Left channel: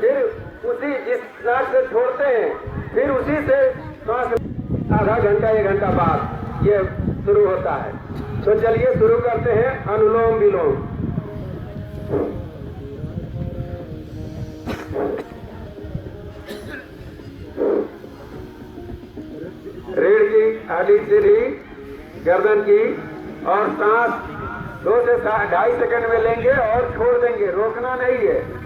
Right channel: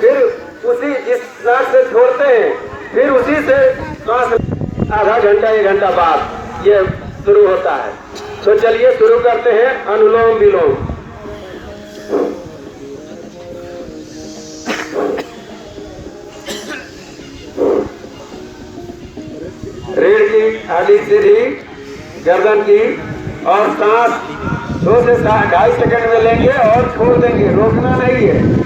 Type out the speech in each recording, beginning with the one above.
फिर उसी जिस नाक से छोड़ते हैं फिर उसी से श्वास आधा घंटा 1 घंटा बाद ये शुरू होता है। तो चलिए शुरू करते हैं अनुलोम विलोम। रीढ़ की हड्डी सीधी, गर्दन की, और सांस 2 से 2.5 सेकंड में लेंगे और छोड़ देंगे, रोकना नहीं है।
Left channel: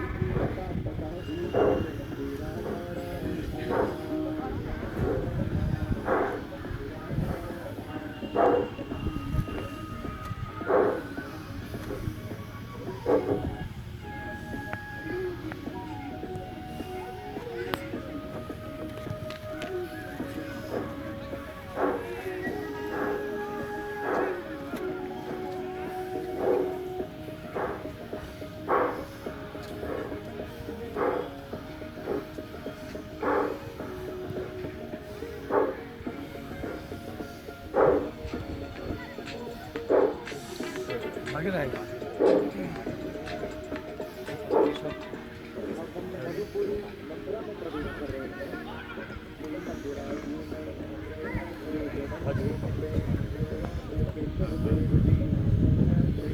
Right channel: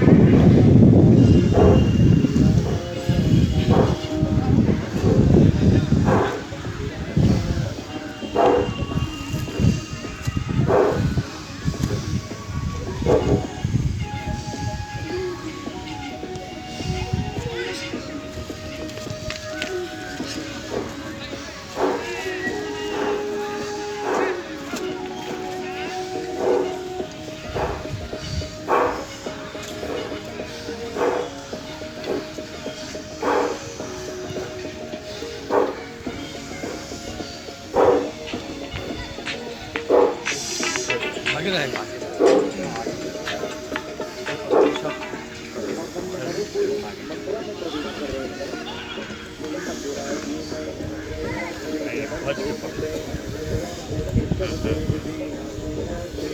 आगे रहेगा।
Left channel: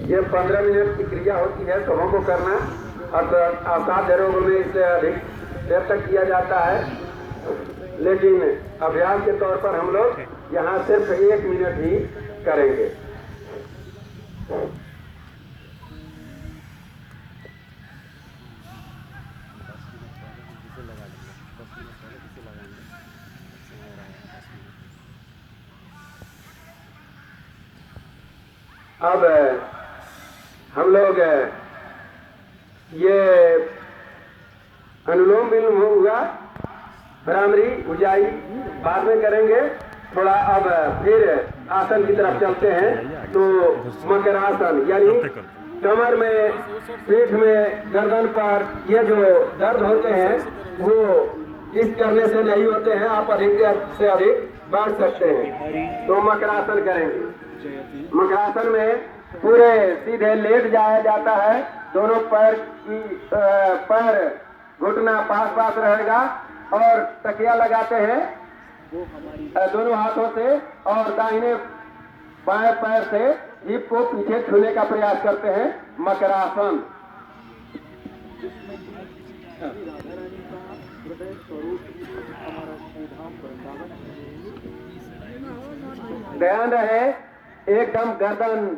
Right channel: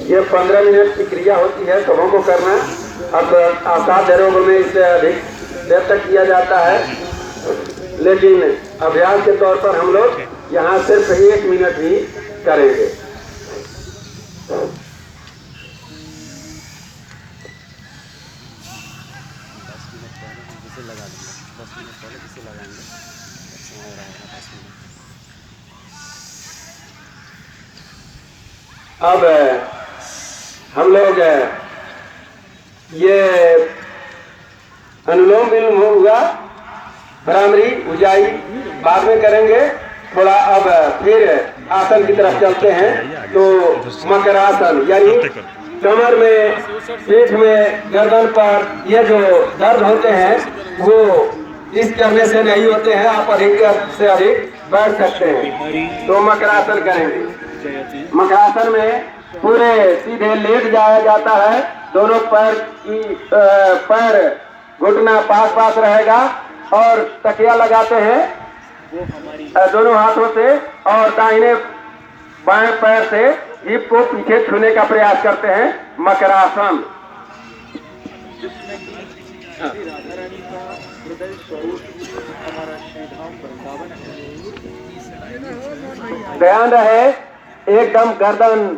ये 15 मिनट की क्रिया होती है, सबों को करना। अब असाध्य रोग में इससे अधिक देर तक किया जाता है, लेकिन अभ्यास के तौर पर हम लोग यहाँ सिर्फ 1 मिनट ही करेंगे। अब हम लोग ये अनुलोम विलोम होगा, भ्रामरी उजाई बाद में करेंगे थोड़ा। अब फिर आसन की तरफ चलते हैं। तो मकरासन यानी कमर में, पीठ में, गर्दन पर ये जो दर्द होते हैं वो इस करने से नहीं होते हैं। आप अधिक से अधिक बैठ सकते हैं। तो मकरासन करेंगे। मकरासन में पूरे सीधे लेट जाया जाता है, दोनों पैर घुटना पास पास रहेगा और तकिया लगाते हैं दोनों हाथों से, और दाहिने बाएं पैर से हिप को पीछे छूने का प्रयास करते हैं। मकरासन। ध्यान रहे एकदम गर्दन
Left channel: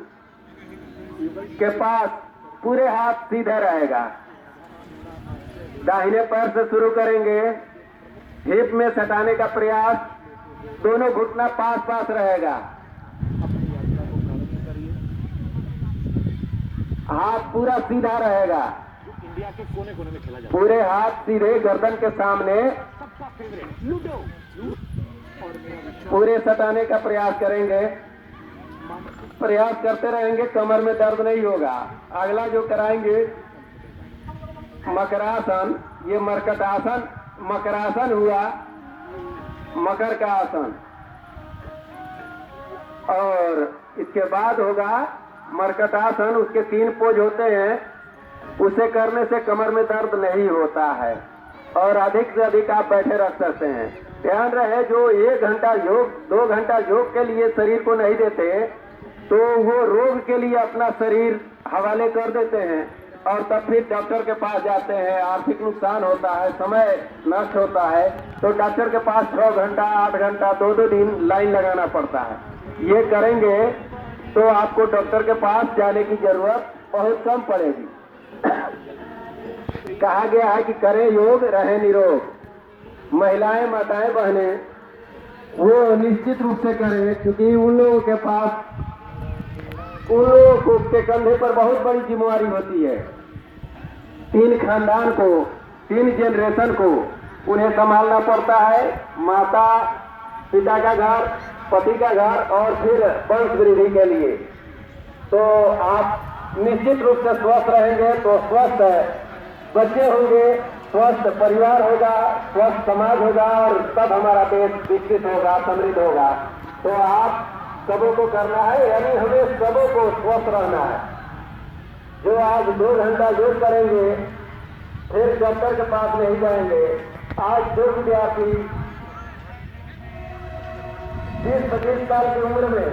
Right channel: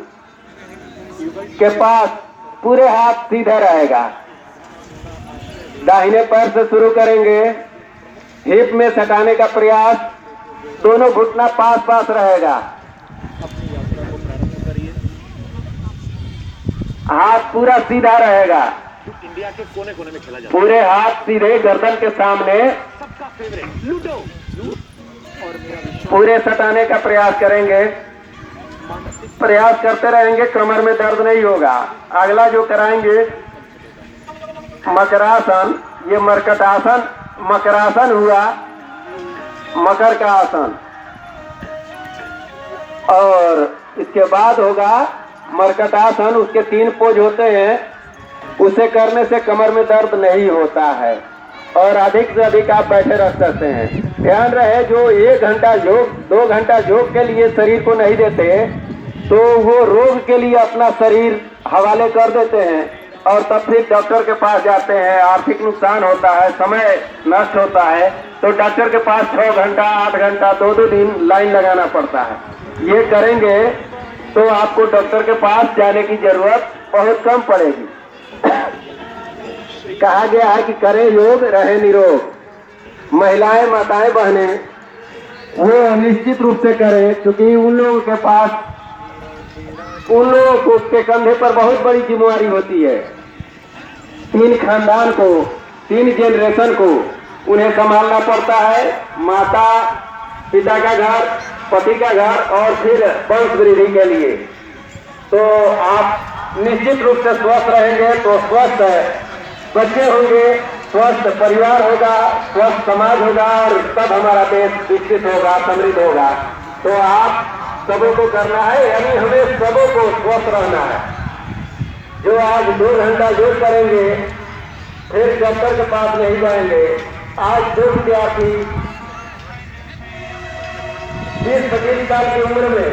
के पास पूरे हाथ सीधे रहेगा। दाहिने पैर से शुरू करेंगे, हिप में सटाने का प्रयास, दोनों घुटना पास पास रहेगा। हाथ पूरा सीधा रहेगा, इंडिया के कोने कोने में खेला जाता है। पूरे हाथ सीधे गर्दन के सामने, सबका फेवरेट लूडो। पूरे सटाने का प्रयास करेंगे, प्रयास करते रहेंगे, कमर में दर्द नहीं होगा। अगला जो कराएंगे मकरासन, ये मरकटासन, मकरासन हुआ, मकर का आसन। और इसके बाद होगा मरकटासन। उसके 3 पोज होते हैं, उसे करने से कमर में दर्द नहीं होता है और अधिक से अधिक आप बैठे रह सकते हैं। ध्यान रहे जो 1 घंटा योग, 2 घंटा योग के लिए शरीर को नहीं देते तो वो रोग के लिए अपना शरीर हवाले कर देते हैं और तब फिर डॉक्टर के पास जाते हैं। आर्थिक नुकसान होता है, समय नष्ट होता है, तो डॉक्टर के पास 6 घंटा 8 घंटा 2-2 दिन लाइन लगाना पड़ता है। ये करेंगे तो आपको डॉक्टर के पास जाने की जरूरत बहुत कम पड़ेगी। कहा गया है कि करें योग रहे निरोग। महिलाएं, माताएं, बहनें वो निश्चित रूप से करें, क्योंकि उन लोगों के पास, उन लोगों के कंधे पर बहुत बड़ी जिम्मेदारी होती है। 3 खानदान को, 3 जनरेशन को उन्हें संभालना पड़ता है। माता पिता का घर, पति का घर और फिर वंश वृद्धि के लिए। तो आप निश्चित रूप से स्वस्थ रहेंगे तो स्वस्थ बच्चे होंगे, स्वस्थ परिवार होगा, स्वस्थ समाज होगा और तब हमारा देश विकसित होगा, समृद्ध होगा। तो आप सबों को करना है, यानी हमें सबों को स्वस्थ रहना है। जो आज 2 घंटा योग करेंगे फिर डॉक्टर के पास नहीं जाएंगे। आज जो विद्यार्थी 20-25 साल की उम्र में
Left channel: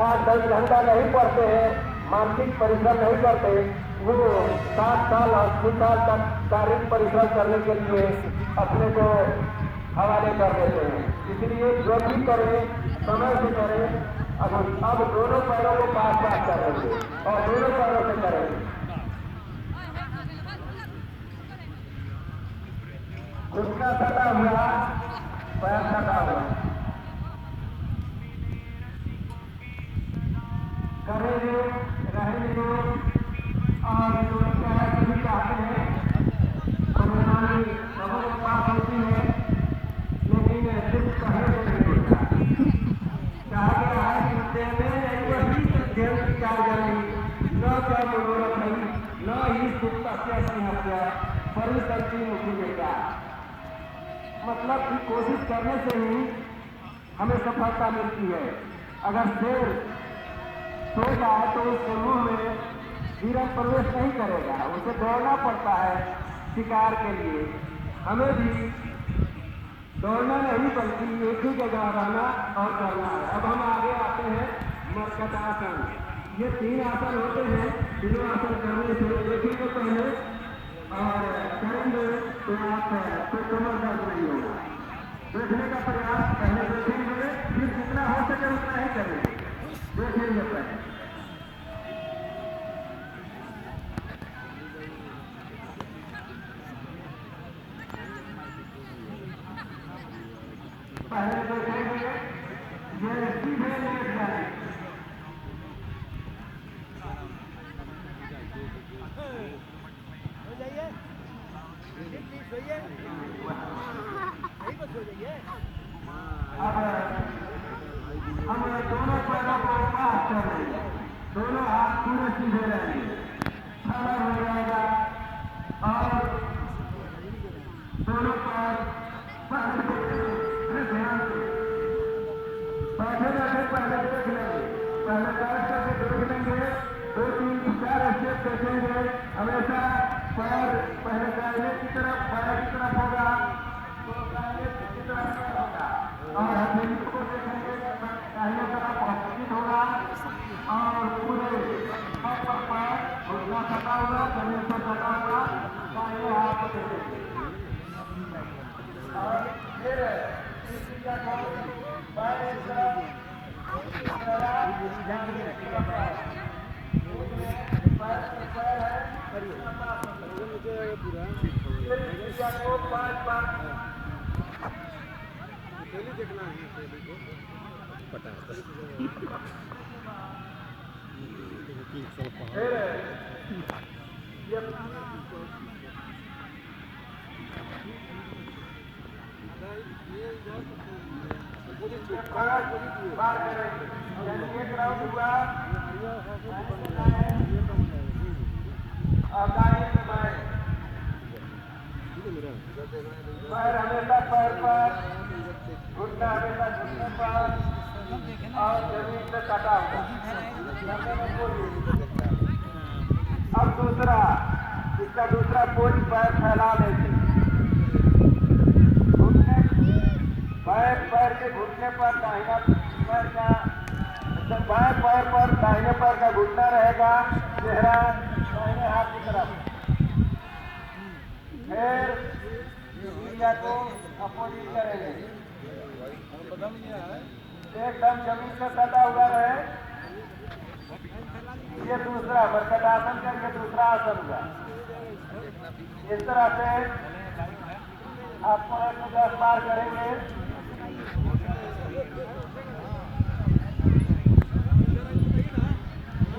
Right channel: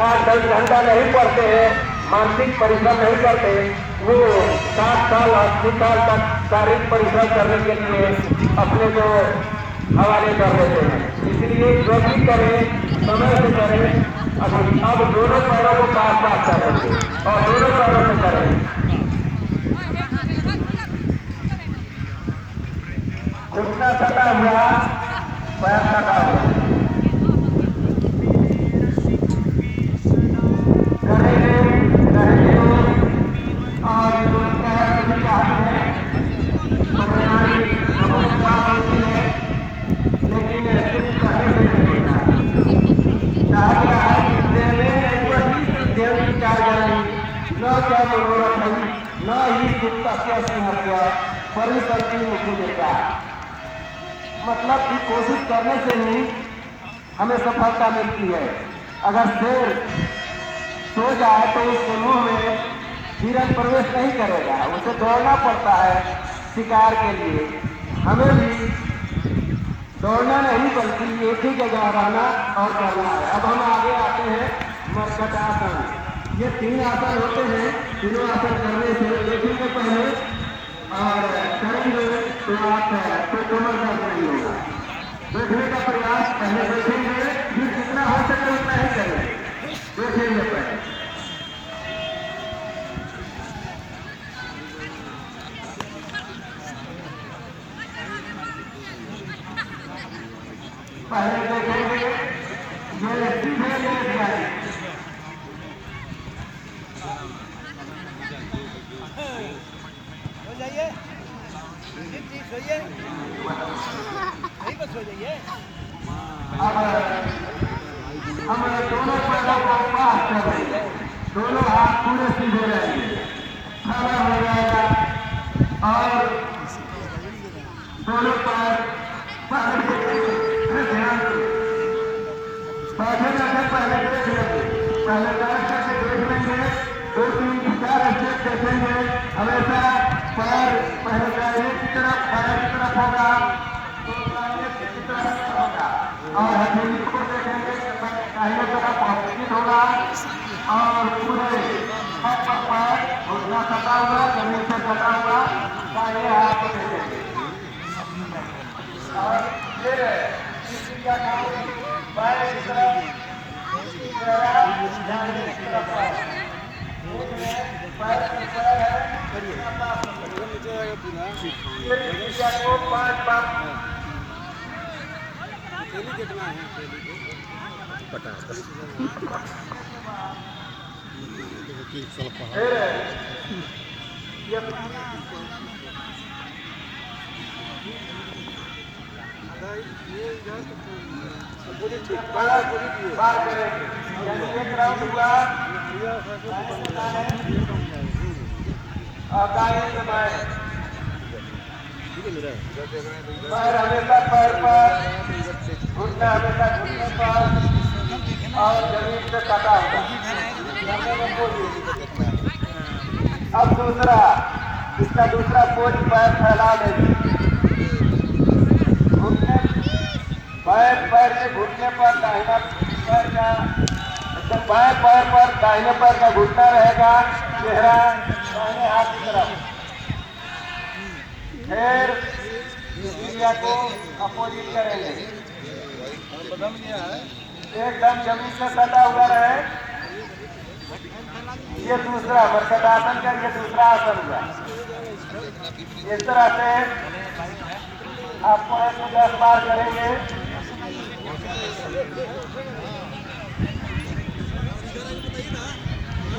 8-10 घंटा नहीं पढ़ते हैं, मानसिक परिश्रम नहीं करते, वो 7 साल 80 साल तक शारीरिक परिश्रम करने के लिए अपने को हवाले कर देते हैं। इसलिए जो भी करें समय से करें। अब दोनों पैरों को पास पास करेंगे और दोनों पैरों से करेंगे। घुटना सटा हुआ, पैर सटा हुआ करेंगे करेंगे। और जो सभी चाहते हैं हमारी समस्या होती है, लेकिन सिर्फ कहने से नहीं होता। चाहता है कि देने नहीं वही देव की कार्यालय न क्या मनोरथ नहीं न ही सुप्ता सिंहत्या परिसंति मुखी देता। मतलब कि कोशिश करने से ही हमें सफलता मिलती है। अगर शेर सो जाए तो उसके मुंह में हिरन प्रवेश नहीं करेगा, उसे दौड़ना पड़ता है शिकार के लिए। हमें भी दौड़ना नहीं बल्कि एक ही जगह रहना और करना है। अब हम आगे आते हैं मर्कटासन। ये 3 आसन होते हैं। तीनों आसन करने से देखेंगे पहले और करेंगे तो आप तो कमर दर्द नहीं होगा। देखने का प्रयास पहले देखेंगे, फिर जितना हो सके उतना ही करेंगे। देखेंगे पहले देखेंगे ये सीधे लेट जाए। अब हम दोनों पैरों को पास कर लेंगे, दोनों हाथ पूरे सीधे रहेंगे, खड़ा हो जाएगा और दोनों पैर ध्यान बैठे बैठे पहले देख लेंगे, पहले बैठ करके देख लेंगे, 2-3-4 स्टेप देखेंगे। हमेशा पैर पहले दाहिने की तरफ पैर की तरफ होगा तो दाहिने की तरफ होगा और हथेली को देखेंगे दाहिने तरफ ऑपोजिट होगा और पूरे पैर घुटना सटा हुआ जमीन से सटा हुआ दाहिने हाथ को देखेंगे। और फिर क्या काम पैर की तरफ दाहिने की तरफ पैर है को 5 बार देखना है पता बार करेंगे। यानी एक राउंड हुआ और दाएं से बाएं। पैर हमेशा पैर पर, घुटना हमेशा घुटने पर और जमीन से कटा होगा। अब दूसरा, इसका दूसरा पोज पैर फैला देंगे। घुटने पैर के घुटने पर दाहिना पैर का बाएं पैर पर दाहिने पैर का घुटना रहेगा, चेहरा दाहिने हाथ की तरफ। फिर क्रिया को अपोजिट करेंगे, एकदम जमीन से सटा हुआ रहे। ये दूसरा मर्कटासन का ये दूसरा आसन हुआ। इस तरह से आपको 110 बार करेंगे।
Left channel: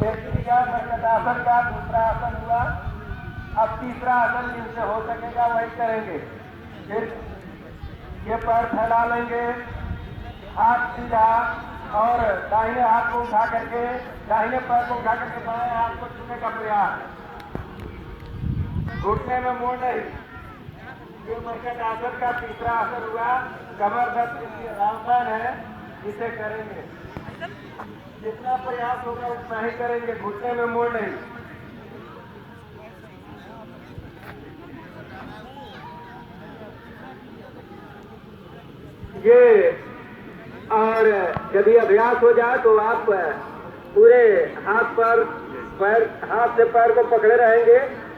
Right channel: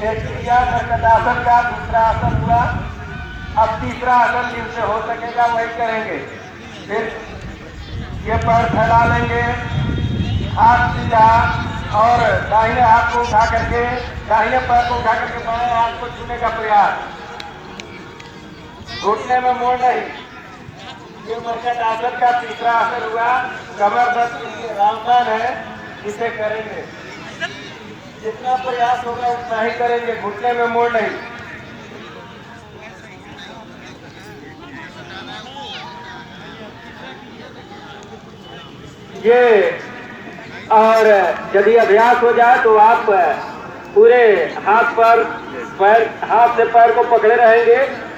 एक क्रिया मर्कटासन का दूसरा आसन हुआ। अब तीसरा आसन जिनसे हो सकेगा वही करेंगे। फिर ये पैर फैला लेंगे, हाथ सीधा और दाहिने हाथ को उठा करके दाहिने पैर को उठा करके बाएं हाथ को छूने का प्रयास, घुटने में मोड़ नहीं। ये मर्कटासन का तीसरा आसन हुआ। कमर दर्द के लिए रामबाण है, इसे करेंगे। जितना प्रयास होगा उतना ही करेंगे, घुटने में मोड़ नहीं। ये और यदि अभ्यास हो जाए तो आप पूरे हाथ से पैर को पकड़े रहेंगे,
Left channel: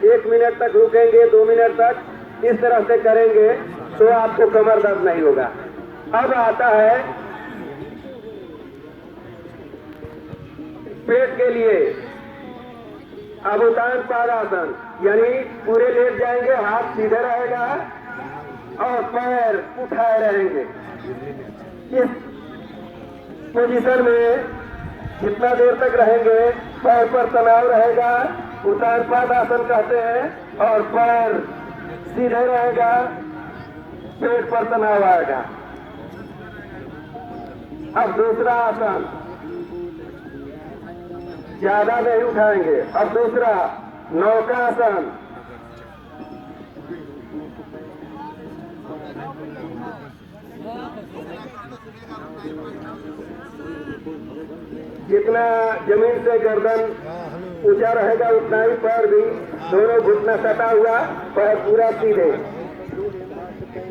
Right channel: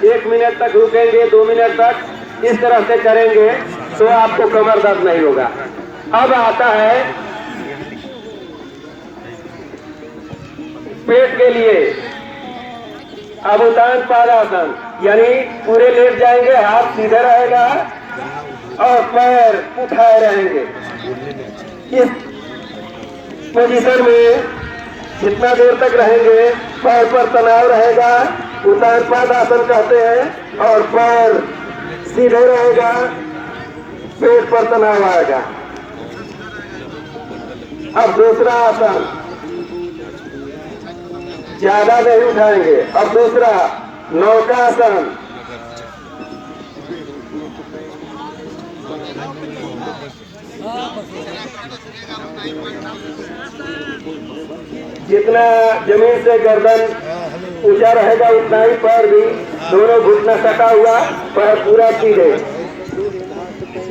1 मिनट तक रुकेंगे, 2 मिनट तक इस तरह से करेंगे तो आपको कमर दर्द नहीं होगा। अब आता है पेट के लिए अवतान पादासन, यानी पूरे लेट जाएंगे, हाथ सीधा रहेगा और पैर उठाए रहेंगे। इस पोजीशन में जितना देर तक रहेंगे पैर पर तनाव रहेगा, उतान पादासन कहते हैं, और पैर सीधे रहेगा, पेट पर तनाव आएगा। अब दूसरा आसन, ज्यादा नहीं उठाएंगे। अब दूसरा नौकासन, जितना जमीन से गर्दन ऊंचा रहेगा उतना ही पैर भी, दोनों घुटना सटा हुआ, पैर पूरा सीधे।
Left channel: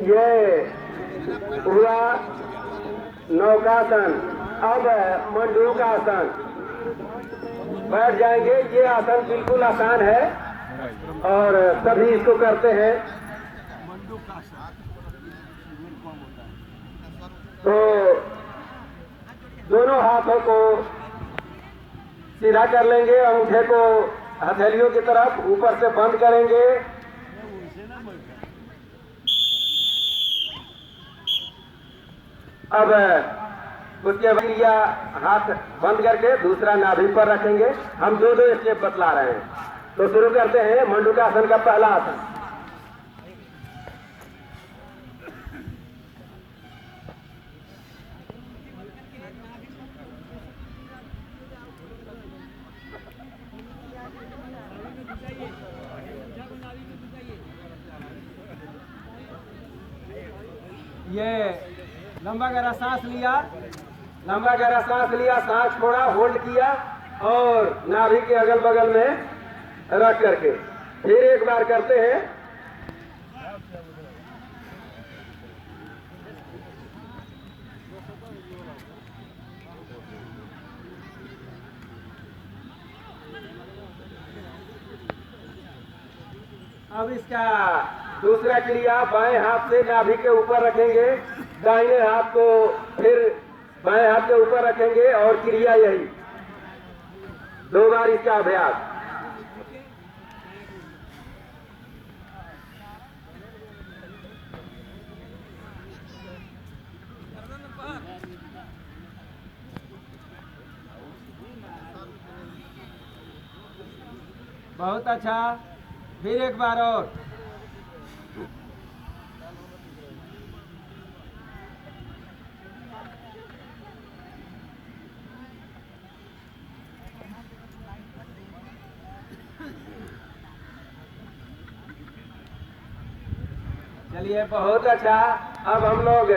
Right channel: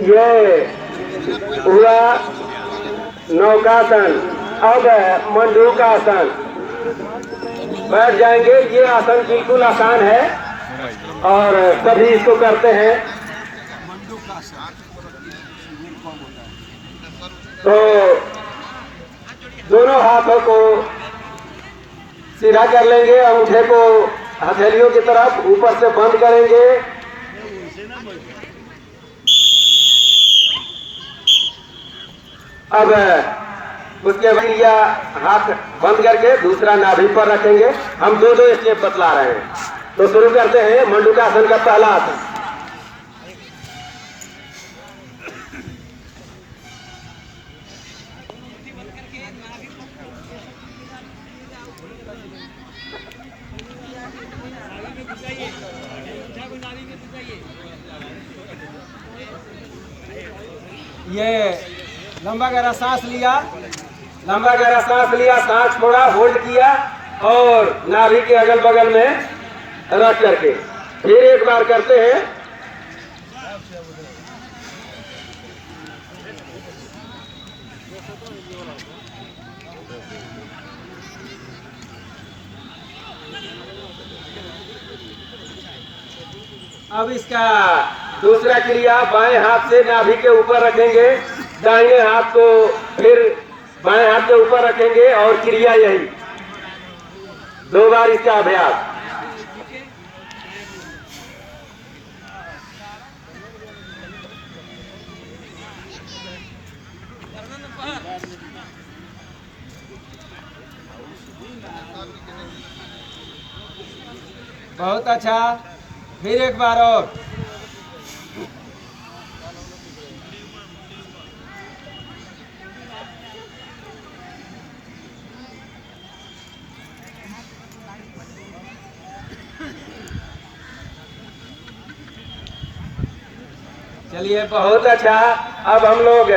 ये हुआ नौकासन। अब मंडूकासन, बैठ जाएंगे। ये आसन बिल्कुल आसान है और सभी इसको करते हैं। तो दोनों हाथों को सीधा कर लेंगे, अंगूठे को हथेलियों की तरफ ऊपर से बंद करेंगे। अब उसके बाद या हाथ बंद करके दूसरा नाभि पर रखेंगे। हम दो स्टेप बतला रहे हैं। तो शुरू करते हैं मंडूकासन का पहला आसन। ये लंबा गहरा सांस लिया, लंबा गहरा सांस लिया, सांस छोड़ा, होल्ड किया और नाभि के अगल बगल में रख करके फिर एक बार करते हैं। अब इसका दूसरा क्रिया, बाएं हाथ से नाभि के ऊपर रखेंगे, दाहिने हाथ को फिर बाएं हाथ के ऊपर रखेंगे और क्रिया यही 2 बार इसका अभ्यास। बहुत अच्छा, फिर एक बार और। चलिए बहुत अच्छा। अब हम लोग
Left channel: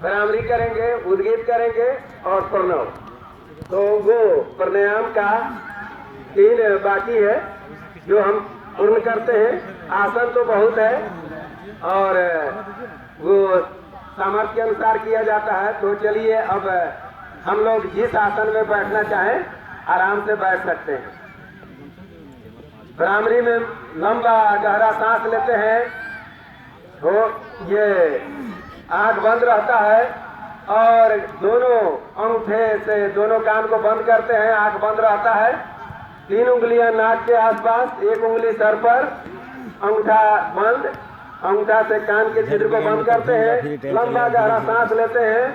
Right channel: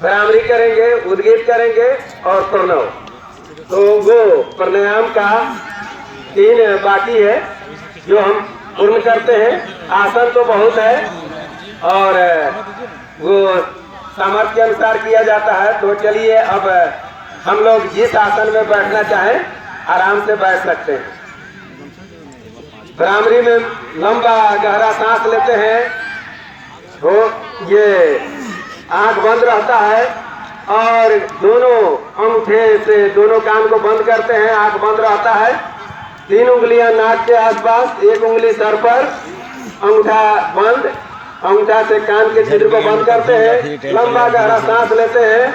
भ्रामरी करेंगे, उद्गीत करेंगे और प्रणव। तो वो प्राणायाम का 3 बाकी है जो हम पूर्ण करते हैं। आसन तो बहुत है और वो सामर्थ्य के अनुसार किया जाता है। तो चलिए अब हम लोग जिस आसन में बैठना चाहें आराम से बैठ सकते हैं। भ्रामरी में लंबा गहरा सांस लेते हैं, तो ये आंख बंद रहता है और दोनों अंगूठे से दोनों कान को बंद करते हैं, आंख बंद रहता है। 3 उंगलियां नाक के आसपास, 1 उंगली सर पर, अंगूठा बंद, अंगूठा से कान के छिद्र को बंद करते हैं। लंबा गहरा सांस लेते हैं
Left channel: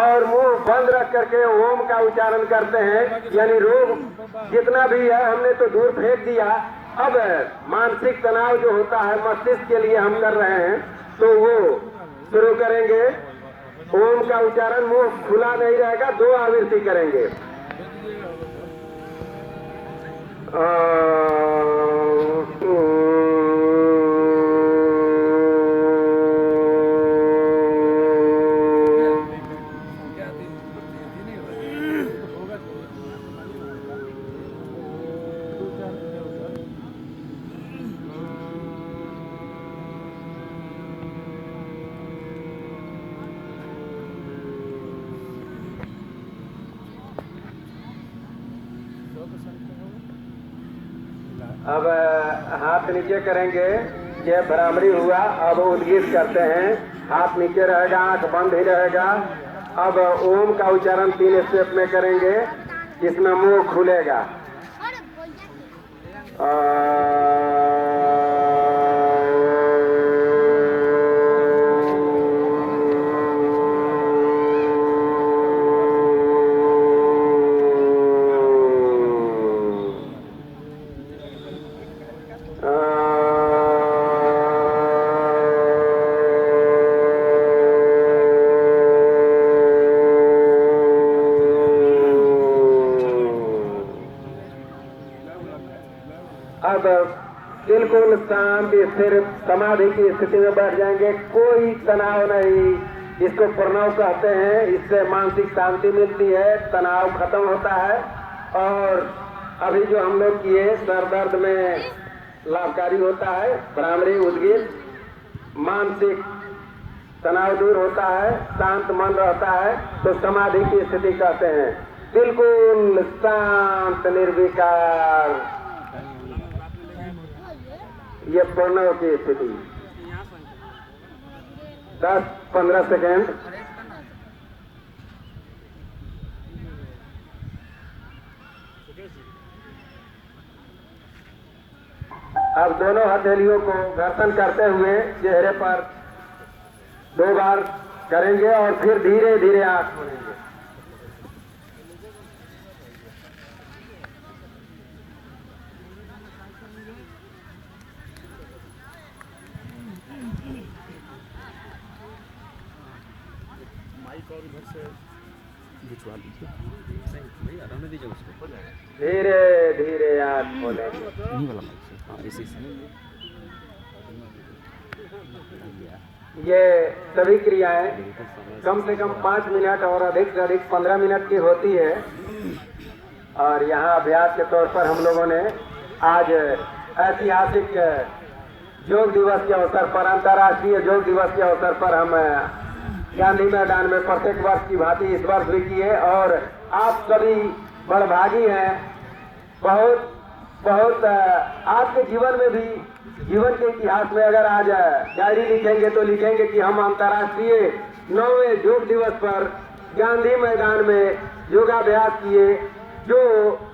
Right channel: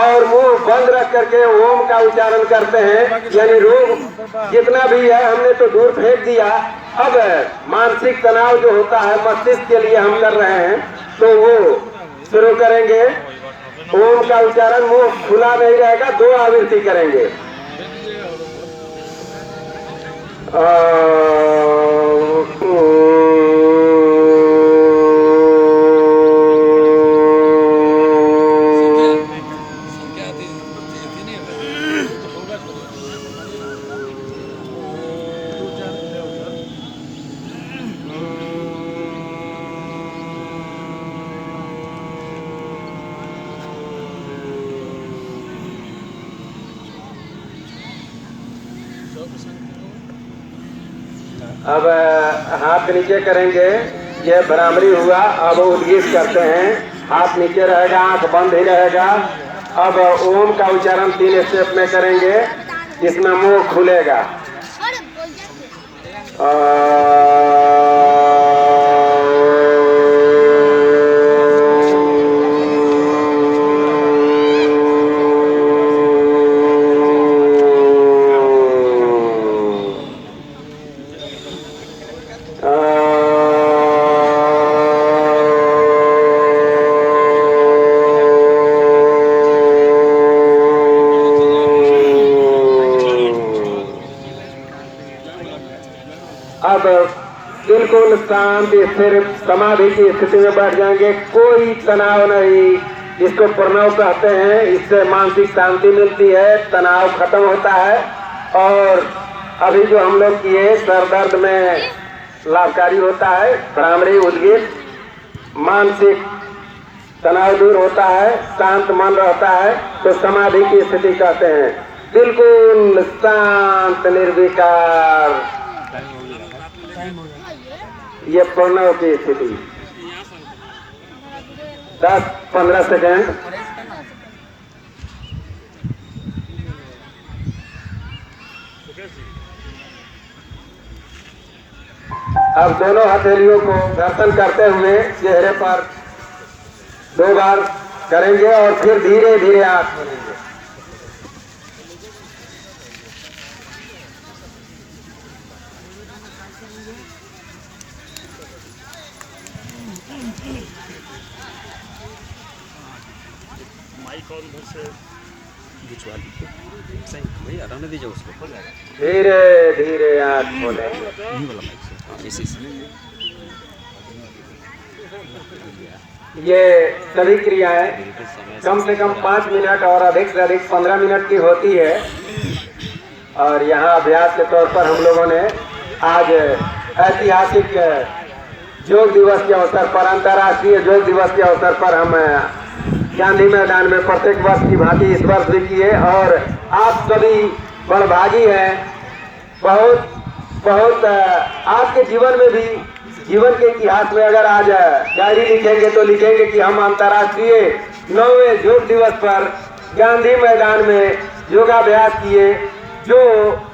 और मुंह बंद रख करके ओम का उच्चारण करते हैं। यानी रोग जितना भी है हमने तो दूर फेंक दिया। अब मानसिक तनाव जो होता है मस्तिष्क के लिए हम कर रहे हैं, तो वो शुरू करेंगे। ओम का उच्चारण मुंह खुला नहीं रहेगा, 2 आवृत्ति करेंगे। अब हाथ नीचे करेंगे, ये भ्रामरी हुआ। अब उद्गीत करते हैं, हाथ नीचे रहेगा, आंख बंद ही रहेगा। अब ओम का उच्चारण 3 स्टेप में करेंगे, इसमें मुंह खुलेगा। अब बिल्कुल शांत स्थिर समाधि की स्थिति में बैठ जाएंगे, कोई तनाव नहीं। इसको प्रणव कहते हैं, इससे मानसिक शांति मिलती है, तनाव खत्म होता है। और अभी जो हम लोग किए सर दर्द में लाभकारी होता है। भ्रामरी उद्गीत, मानसिक तनाव दूर होता है, शांत मन रहता है, तो समाधि की स्थिति कहते हैं। बिल्कुल शांत निर्विकार, ये प्रणव की स्थिति। 10-15 सेकंड। अब दोनों हथेलियों को घर्षण करते हुए चेहरे पर 2 बार करेंगे और फिर धीरे धीरे आंख खोलेंगे। धीरे धीरे आंख खोलेंगे। ये सभी क्रियाएं कम से कम 5 मिनट और अधिक से अधिक 15 मिनट की होती है। और यहाँ अभ्यास के तौर पर हम लोगों ने आज ऐतिहासिक योग दिवस के अवसर पर, अंतर्राष्ट्रीय योग दिवस के अवसर पर हम गांधी मैदान में प्रत्येक वर्ष की भांति इस वर्ष भी किए। और आप सभी बड़भागी हैं। बहुत बहुत आपके जीवन में भी, जीवन के इतिहास में अगर आज डायरी लिखेंगे तो लिखेंगे कि हम अंतर्राष्ट्रीय 9वें योग दिवस पर गांधी मैदान में योगाभ्यास किए, जो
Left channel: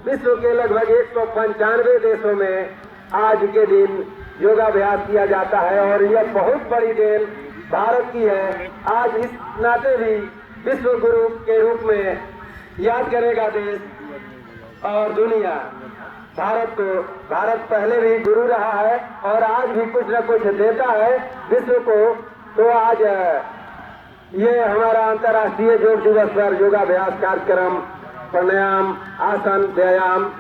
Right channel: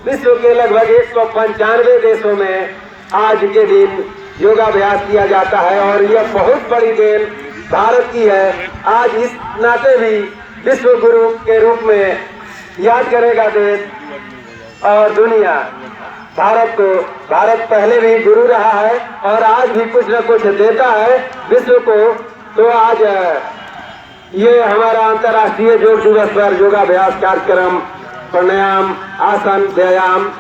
विश्व के लगभग 195 देशों में आज के दिन योगाभ्यास किया जाता है। और यह बहुत बड़ी देन भारत की है। आज इस नाते भी विश्व गुरु के रूप में याद करेगा देश और दुनिया भारत को। भारत पहले भी गुरु रहा है और आज भी कुछ न कुछ देता है विश्व को। तो आज ये हमारा अंतर्राष्ट्रीय योग दिवस पर योगाभ्यास कार्यक्रम, प्राणायाम, आसन, व्यायाम,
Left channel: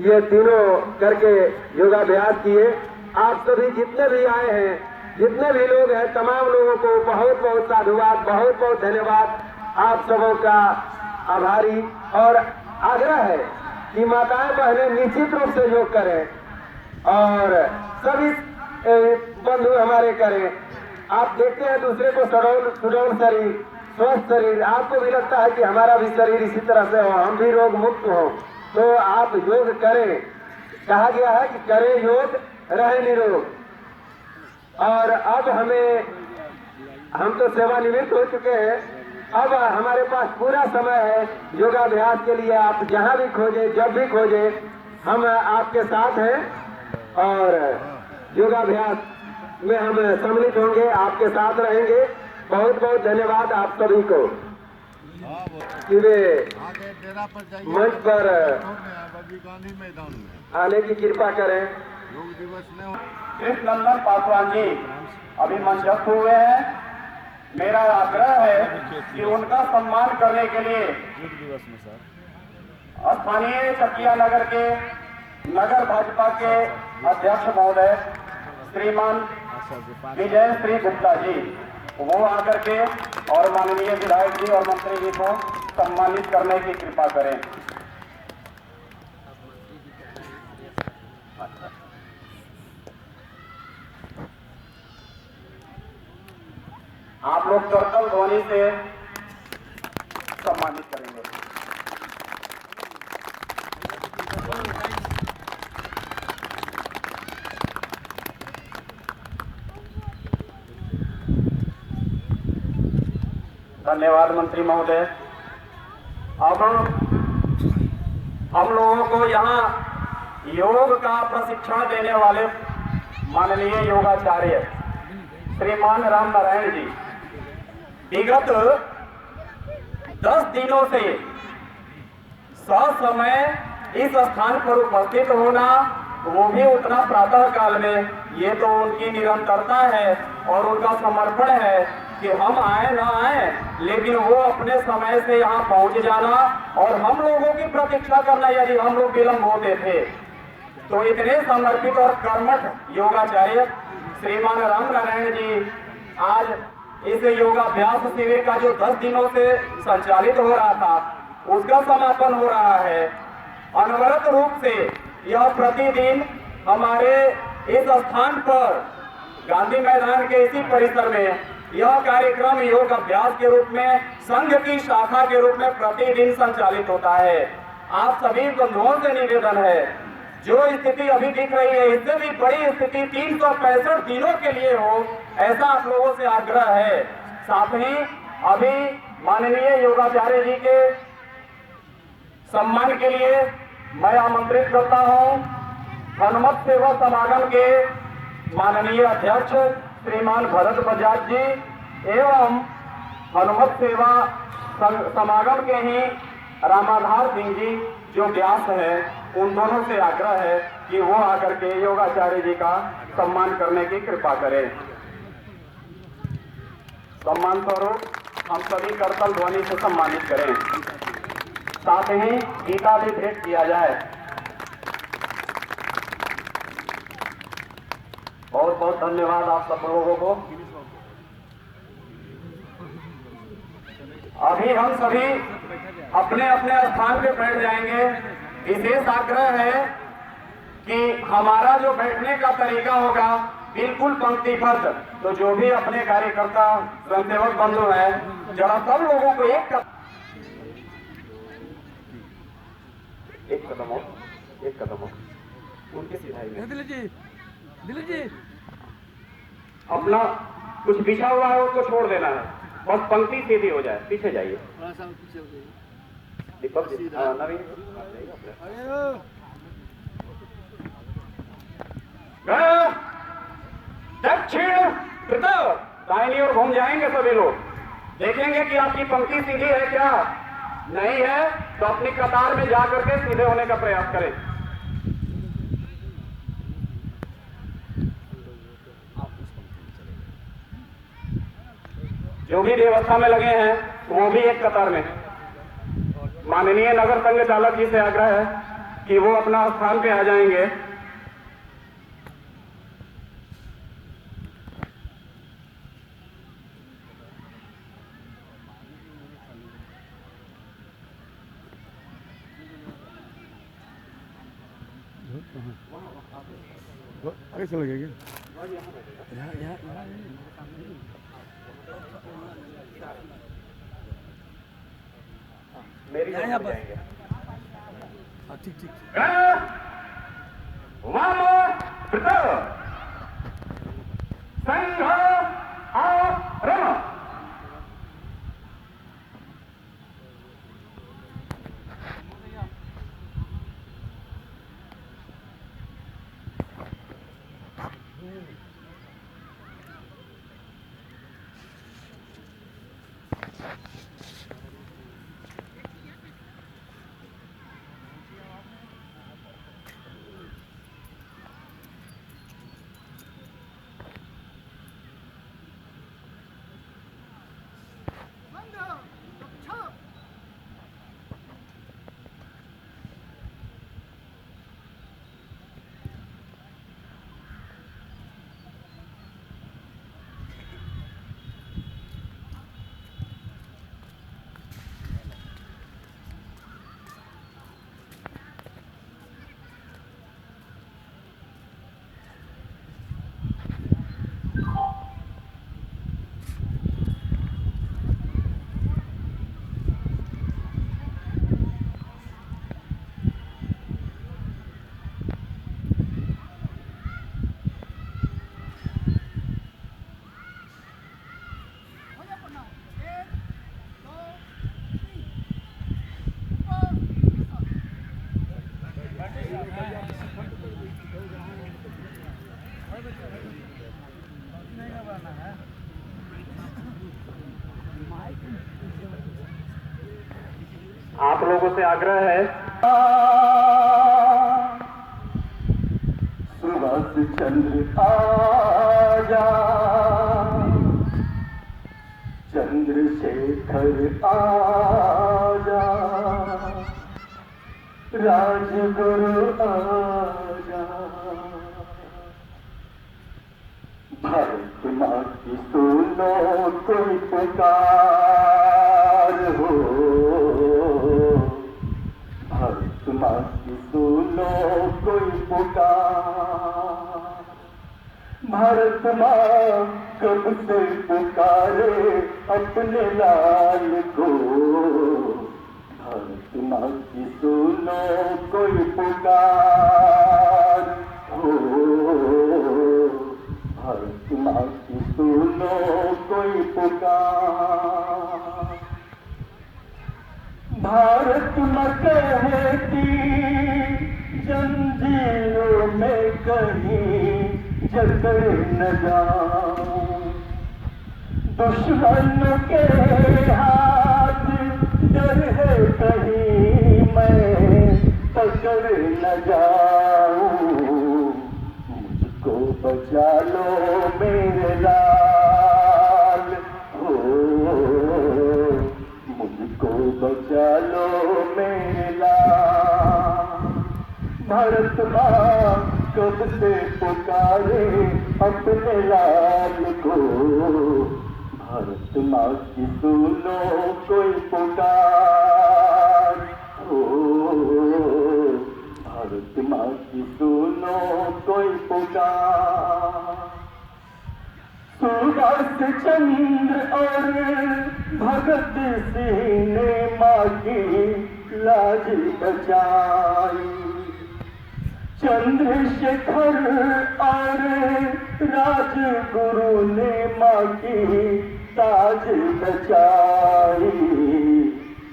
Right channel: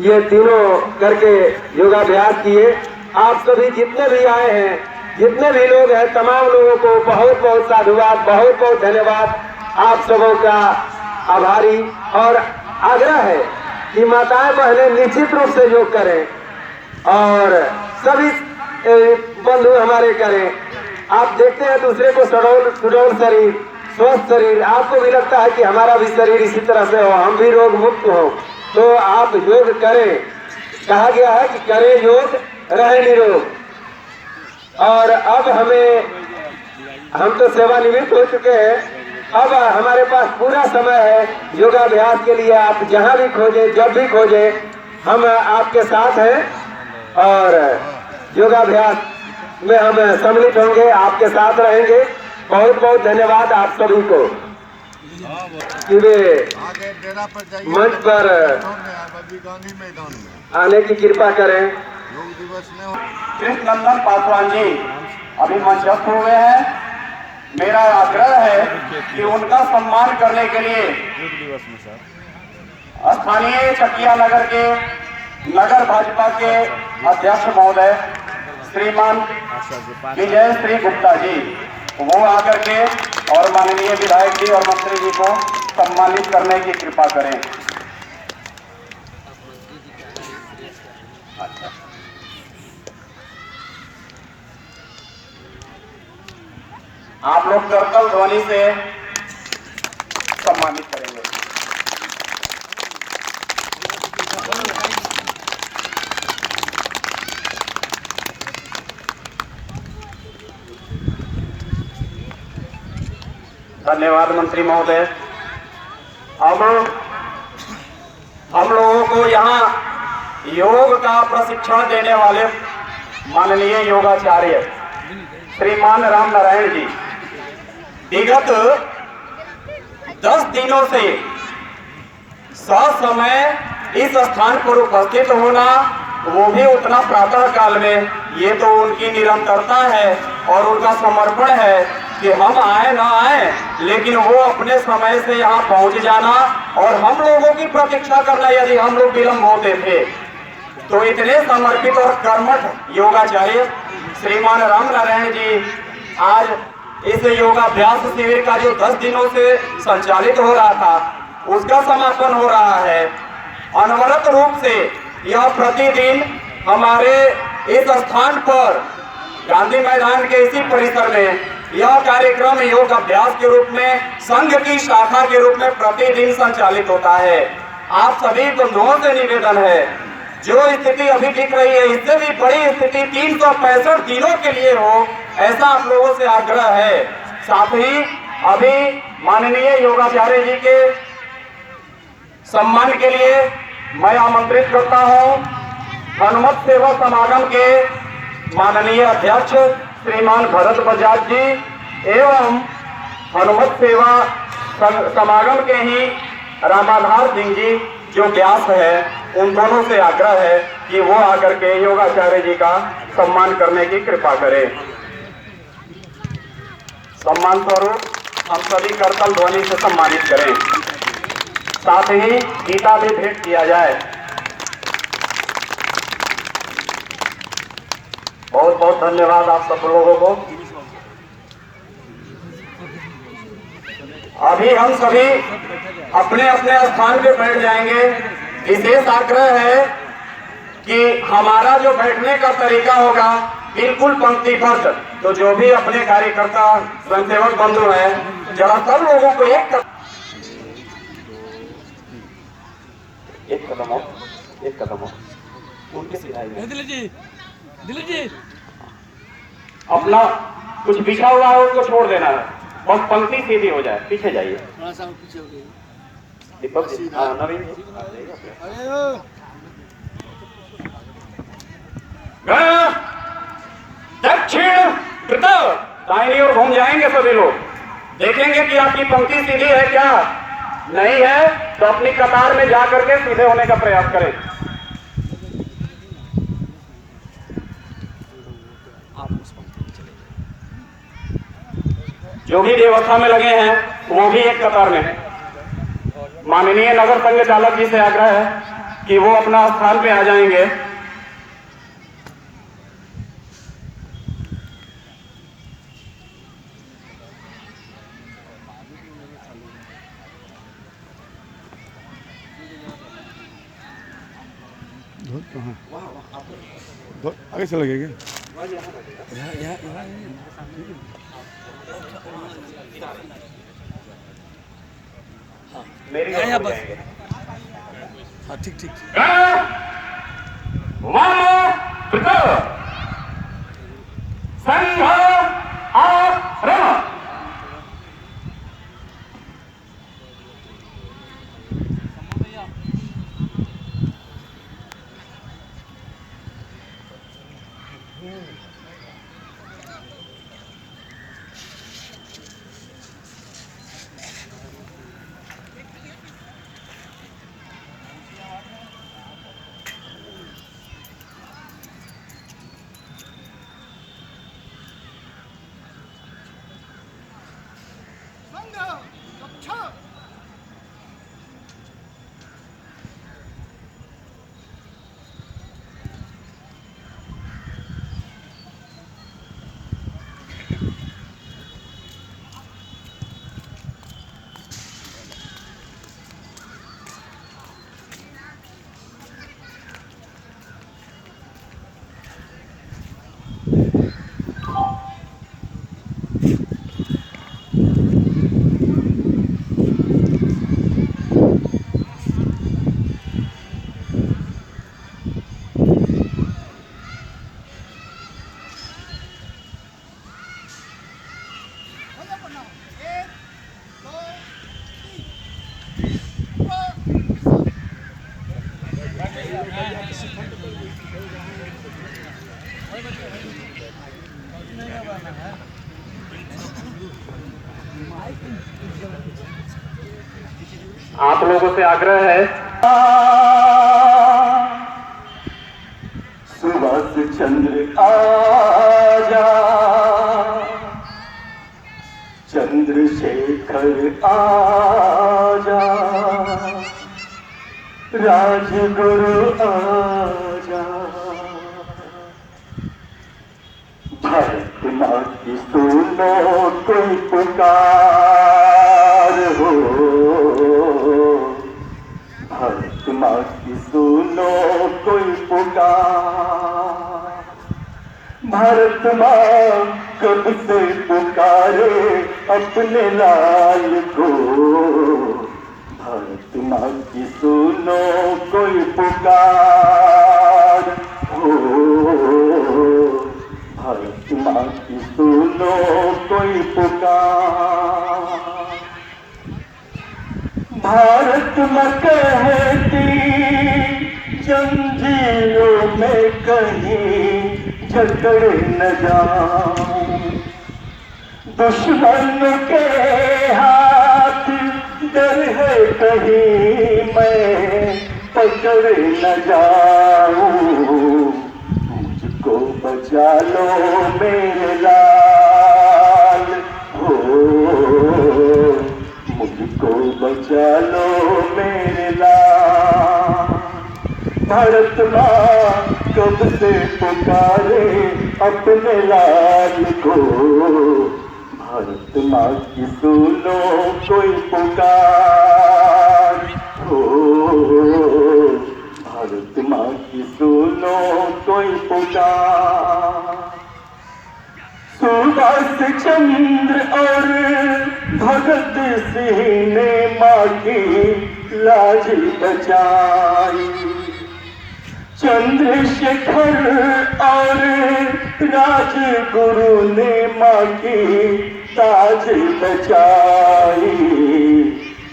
ये तीनों करके योगाभ्यास किए। आप सभी जितने भी आए हैं, जितने भी लोग हैं, तमाम लोगों को बहुत बहुत साधुवाद, बहुत बहुत धन्यवाद। आप सबों का आभारी। और आग्रह है कि माताएं बहनें निश्चित रूप से योग करें और सभी बंधु हमारे करें। आप देखते हैं दूसरे को सुडौल शरीर, स्वस्थ शरीर, आपको भी लगता है कि हमारा भी शरीर इसी तरह से हो, हम भी रोग मुक्त हो, तो आप योग करें। कहा गया है कि करें योग, रहे निरोग। और अब हम तो सेवानिवृत्त हो चुके हैं, अब हमारे पास पूरा समय है योगाभ्यास के लिए। आप जहां भी खोजें, जब भी खोजें, हम आपके साथ हैं और योगाभ्यास में हम सम्मिलित होंगे, आपके साथ रहेंगे। बहुत बहुत धन्यवाद आप सभी को कि वे मंच पर गांधी मैदान में आने की कृपा करें। योग दिवस में कृष्णनंदन पासवान जी अभी मंचस्थ हुए हैं। मेरा आग्रह है कि उनका सम्मान करने के लिए स्थानीय चकिया नगर के नगर भाजपा के अध्यक्ष महोदय श्रीमान विजय श्री गुप्ता जी, वो आकर के और माननीय विधायक जी और मंत्री जी को सम्मानित करने की कृपा करें। आप लोग करकल ध्वनि से सम्मानित करेंगे। धन्यवाद मंत्री महोदय। अब हम लोगों को यहाँ योग का प्रशिक्षण देने वाले माननीय योगाचार्य श्रीमान राम नारायण जी विगत 10 दिनों से ससमय इस स्थान पर उपस्थित होना, वो भी उतना प्रातः काल में, ये तो उनकी निरंतरता है और उनका समर्पण है कि हम आए ना आए लेकिन वो अपने समय से यहाँ पहुंच जाना और हम लोगों की प्रतीक्षा करना यदि हम लोग विलंब होते थे। तो इतने समर्पित और कर्मठ योगाचार्य श्रीमान राम नारायण जी आज इस योगाभ्यास शिविर का जो 10 दिनों से संचालित हो रहा था उसका समापन हो रहा है। अनवरत रूप से यह प्रतिदिन हमारे इस स्थान पर गांधी मैदान के इसी परिसर में यह कार्यक्रम योग अभ्यास के रूप में संघ की शाखा के रूप में प्रतिदिन संचालित होता है। आप सभी बंधुओं से निवेदन है, जो स्थिति अभी दिख रही है इससे भी बड़ी स्थिति 365 दिनों के लिए हो, ऐसा आप लोगों से आग्रह है। साथ ही अभी माननीय योगाचार्य जी के सम्मान के लिए मैं आमंत्रित करता हूं हनुमत सेवा समागम के माननीय अध्यक्ष श्रीमान भरत बजाज जी एवं हनुमत सेवा समागम के ही रामाधार सिंह जी जो व्यास है, उन दोनों से आग्रह है कि वो आकर के योगाचार्य जी का सम्मान करने की कृपा करें। सम्मान स्वरूप हम सभी करतल ध्वनि से सम्मानित करें। साथ ही गीता भी भेंट किया जाए। बहुत बहुत धन्यवाद आप सब लोगों को। अभी हम सभी अपने अपने स्थान पे बैठ जाएंगे। विशेष आग्रह है कि हमारा जो बैठने का तरीका होगा बिल्कुल पंक्तिबद्ध, तो जो भी अपने कार्यकर्ता स्वयंसेवक बंधु हैं जरा सब लोगों को एक कदम हो उनके सिधाई में दिलीप जी अपना कुछ बिछा हुआ है उसको छोड़ देना है, बस पंक्ति सीधी हो जाए। पीछे जाइए थोड़ा सा पीछे हो गई। दीपक जी, नवीन जी। दक्षिण दाहिनी ओर घूम जाएंगे सभी लोग। देखेंगे कि आपकी पंक्ति सीधी है क्या, नहीं है तो अपनी कतार में जा करके सीधे होने का प्रयास करें। जो भी व्यवस्था में लगे हैं वो भी एक कतार में है। माननीय नगर संघ चालक जी से आग्रह है कि वो अपना स्थान पे आ जाएंगे। आगे चला गया मेरी ठीक ठीक आप लोगों से आग्रह है सुभाष चंद्र आजा, चंद्रशेखर आजा, राजगुरु आजा, भारत माँ की सुनो कोई पुकार हो, भारत माँ की सुनो कोई पुकार, भारत माँ कब से पुकारे अपने लाल को, भारत माँ की सुनो कोई पुकार हो, भारत माँ की सुनो कोई पुकार, भारत माँ कहती जंजीरों में कहीं जकड़ न जाऊं, दुश्मन के हाथ डर है कहीं मैं पकड़ न जाऊं, मुझको बचा लो मेरे लाल हो, मुझको बचा लो मेरे लाल, भारत माँ कब से पुकारे अपने लाल को, भारत माँ की सुनो कोई पुकार हो, भारत माँ की सुनो कोई पुकार, सुभाष चंद्र और भगत सिंह ने माँ की लाज बचाई, चंद्रशेखर और राजगुरु ने माँ की ताज बचाई,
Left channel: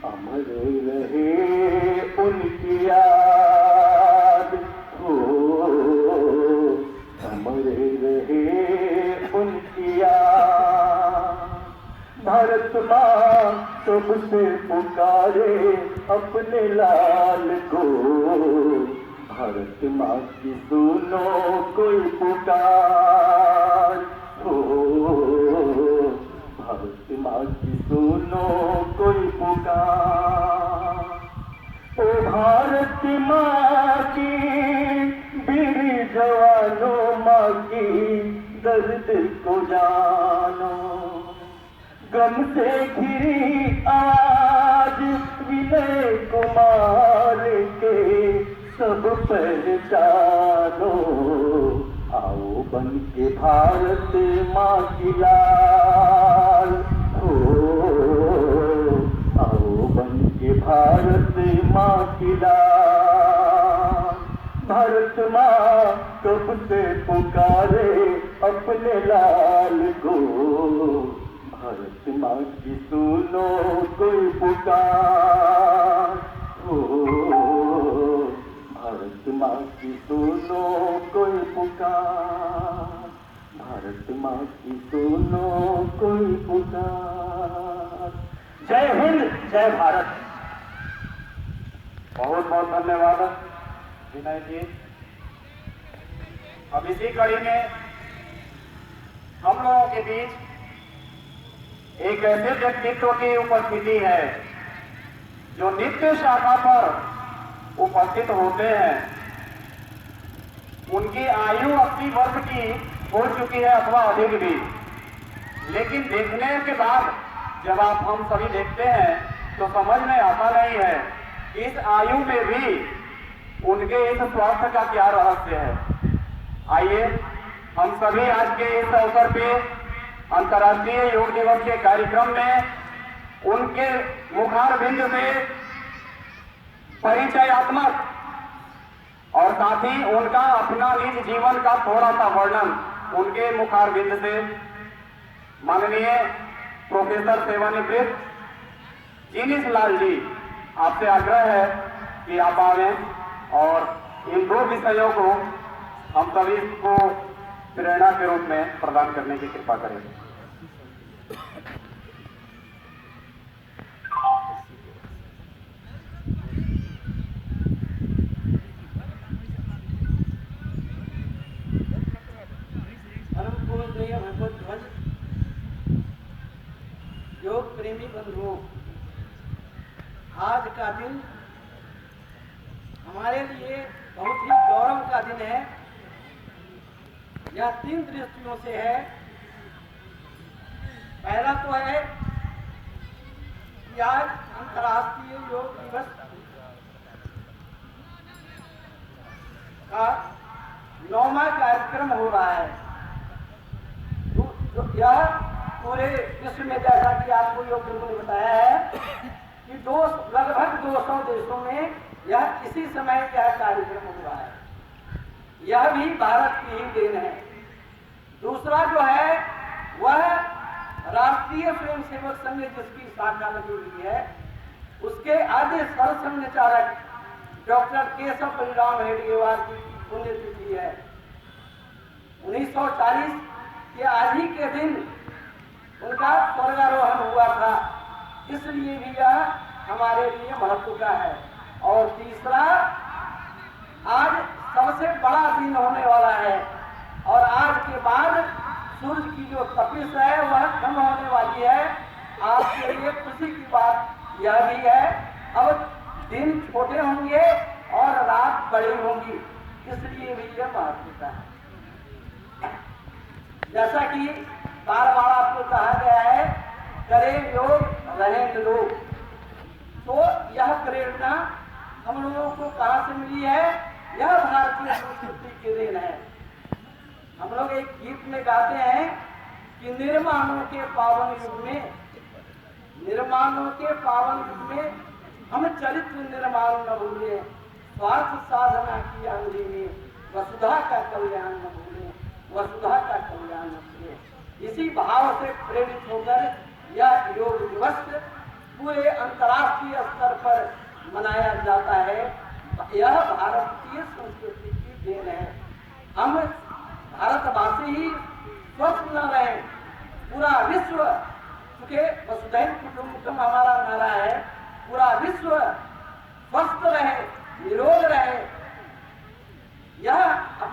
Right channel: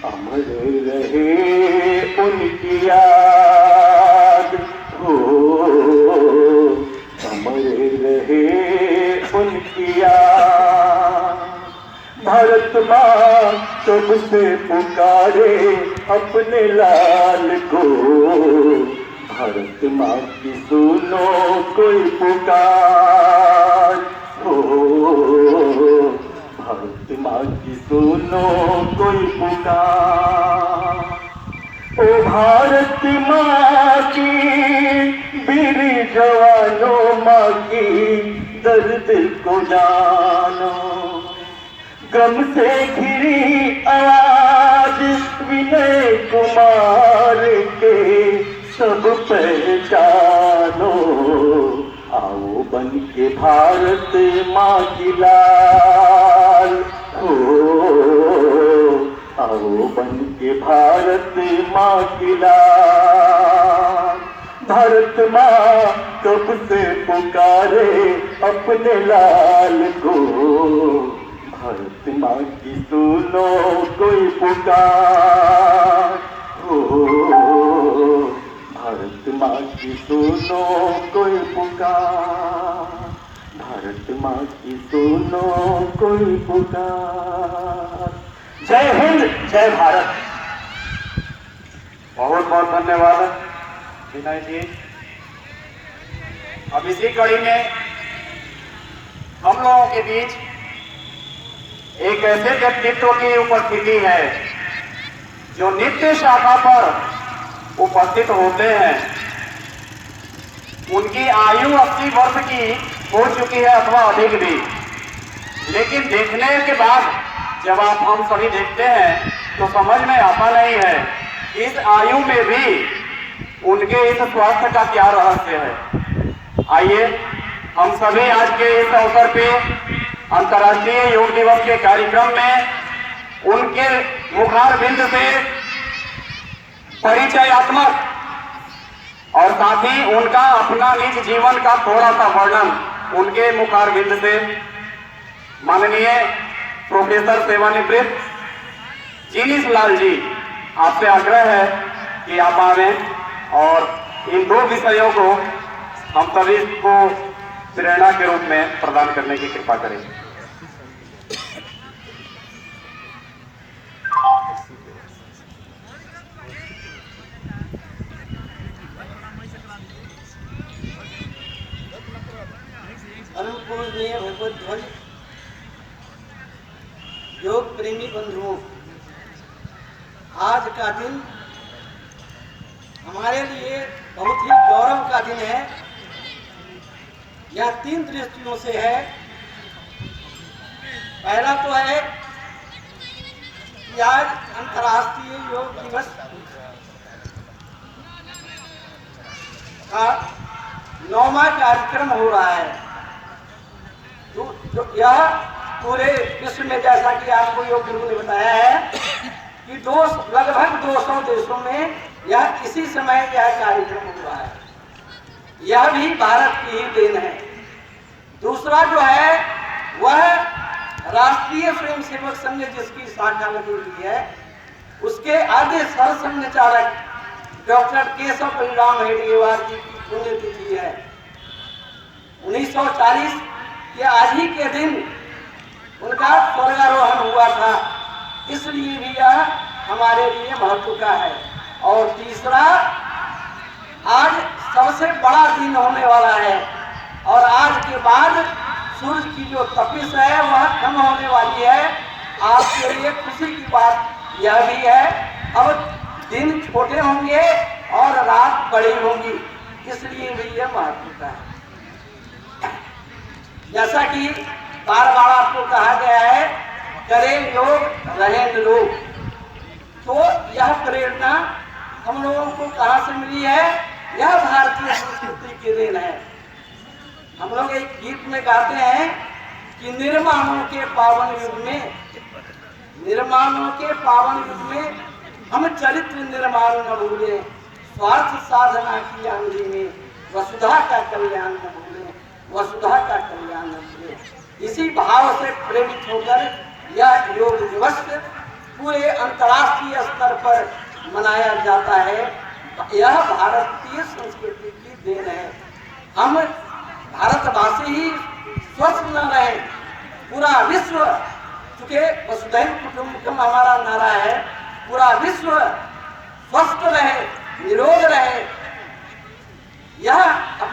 अमर रहे उनकी याद हो, अमर रहे उनकी याद, भारत माँ कब से पुकारे अपने लाल को, भारत माँ की सुनो कोई पुकार हो, भारत माँ की सुनो कोई पुकार, ओ भारत माँ की वीर जवानों माँ की दर्द को जानो, गम से घिरी आवाज विनय कुमार के सब पहचानो, आओ बन के भारत माँ की लाल हो, आओ बन के भारत माँ की लाल, भारत माँ कब से पुकारे अपने लाल को, भारत माँ की सुनो कोई पुकार हो, भारत माँ की सुनो कोई पुकार, भारत माँ की सुनो कोई पुकार। जय हिंद, जय भारत। बहुत बहुत धन्यवाद विनय जी। अब इसी कड़ी में हम लोगों के बीच एक ऐसे व्यक्तित्व की उपस्थिति है जो नित्य शाखा पर उपस्थित होते हैं। उनकी आयु 80 वर्ष की हो चुकी है अथवा अधिक भी, लेकिन देखने के बाद जब आप हम सभी देखते हैं तो समझ में आता नहीं है इस आयु में भी उनके इस स्वास्थ्य का क्या रहस्य है। आइए हम सभी आज के इस अवसर पे अंतर्राष्ट्रीय योग दिवस के कार्यक्रम में उनके मुखारबिंद से परिचयात्मक और साथ ही उनका अपना निज जीवन का थोड़ा सा वर्णन उनके मुखारबिंद से माननीय प्रोफेसर सेवानिवृत्त जीनीश लाल जी, आपसे आग्रह है कि आप आवें और इन दो विषयों को हम सभी को प्रेरणा के रूप में प्रदान करने की कृपा करें। अनुपूजनीय भगवत ध्वज योग प्रेमी बंधुओं, आज का दिन हमारे लिए बहुत ही गौरव का दिन है। यह 3 दृष्टियों से है। पहला तो है कि आज अंतर्राष्ट्रीय योग दिवस का 9वां कार्यक्रम हो रहा है। यह पूरे विश्व में, जैसा कि आपको योग गुरु ने बताया है कि लगभग 200 देशों में यह इसी समय यह कार्यक्रम हो रहा है। यह भी भारत की ही देन है। दूसरा जो है वह राष्ट्रीय स्वयंसेवक संघ, जिसकी शाखा लगी हुई है, उसके आद्य सरसंघचालक डॉक्टर केशव परिणाम हेडगेवार जी की पुण्यतिथि है। 1940 के आज ही के दिन उनका स्वर्गारोहण हुआ था, इसलिए भी यह हमारे लिए महत्व का है। और तीसरा, आज सबसे बड़ा दिन होने वाला है और आज के बाद सूर्य की जो तपिश है वह कम होने वाली है। आपके लिए खुशी की बात यह भी है, अब दिन छोटे होंगे और रात बड़ी होगी, इसलिए भी यह महत्व का है। जैसा कि बार बार आपको कहा गया है, करें योग रहें निरोग, तो यह प्रेरणा हम लोगों को कहाँ से मिली है? यह भारतीय संस्कृति की देन है। हम लोग एक गीत में गाते हैं कि निर्माणों के पावन युग में हम चरित्र निर्माण न भूलें, स्वार्थ साधना की आंधी में वसुधा का कल्याण न भूलें, वसुधा का कल्याण न भूलें। इसी भाव से प्रेरित होकर यह योग दिवस पूरे अंतर्राष्ट्रीय स्तर पर मनाया जाता है। यह भारतीय संस्कृति की देन है। हम भारतवासी ही स्वस्थ न रहे, पूरा विश्व, चूंकि वसुधैव कुटुंबकम हमारा नारा है, पूरा विश्व स्वस्थ रहे,